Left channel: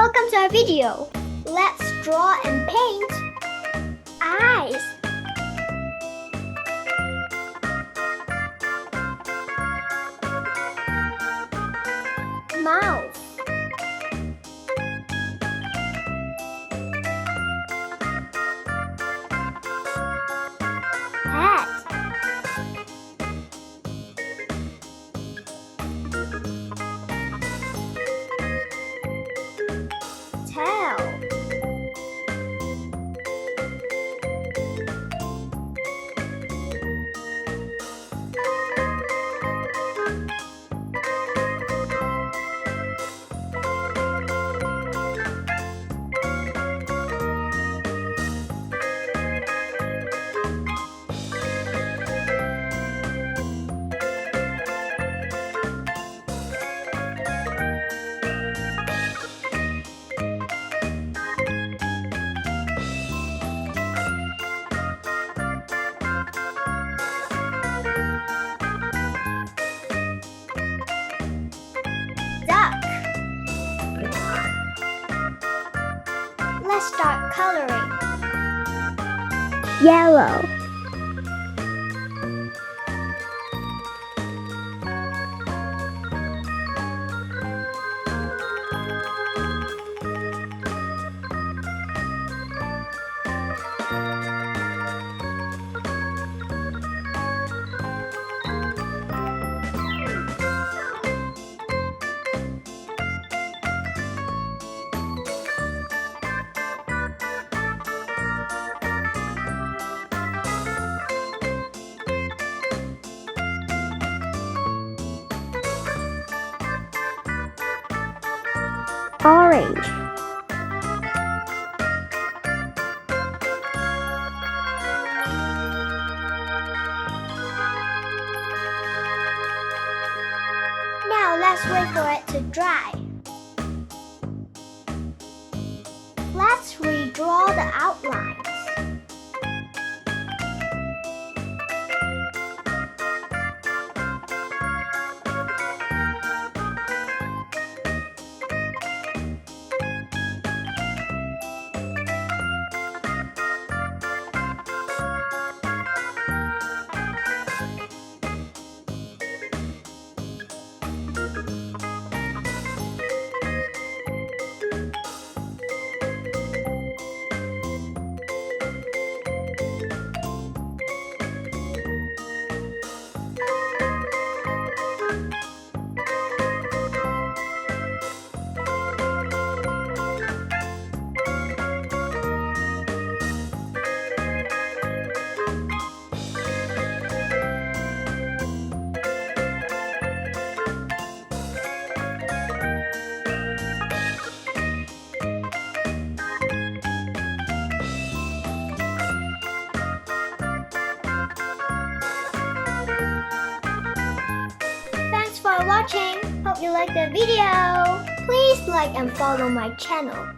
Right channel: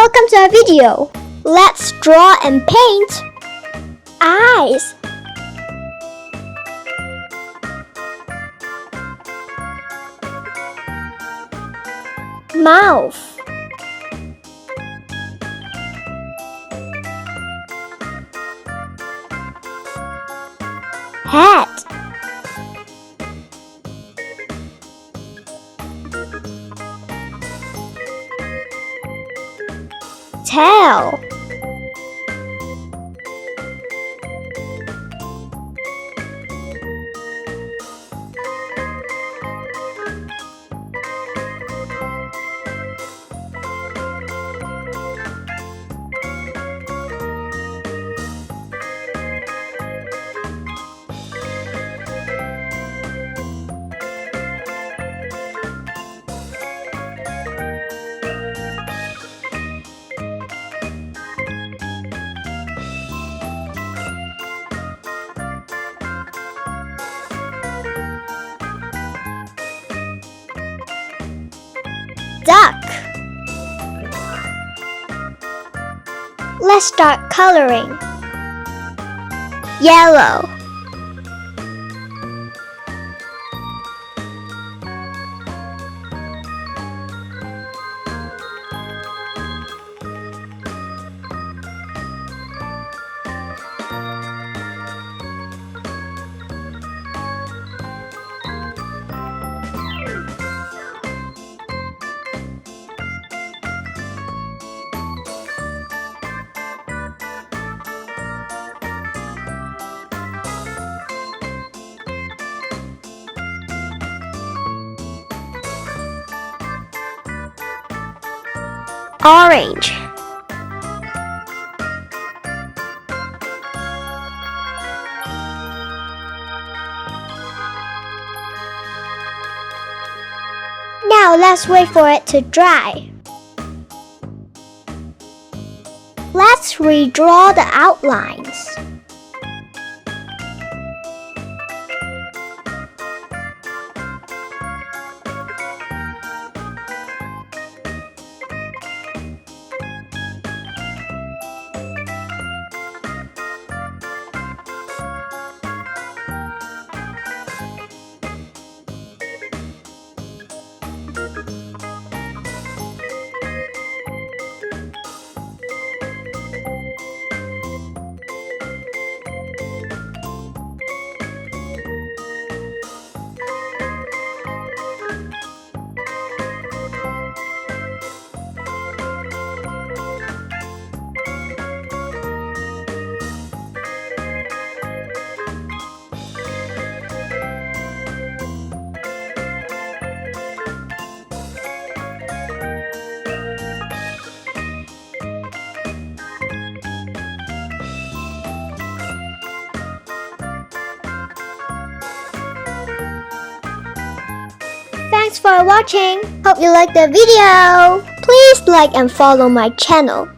welcome to our video. Let's draw and paint eyes, mouth, head, tail, duck. Let's start coloring. Yellow, orange, now let's wait for it to dry. Let's redraw the outlines. Thanks for watching. Hope you liked the video. Please like and follow my channel.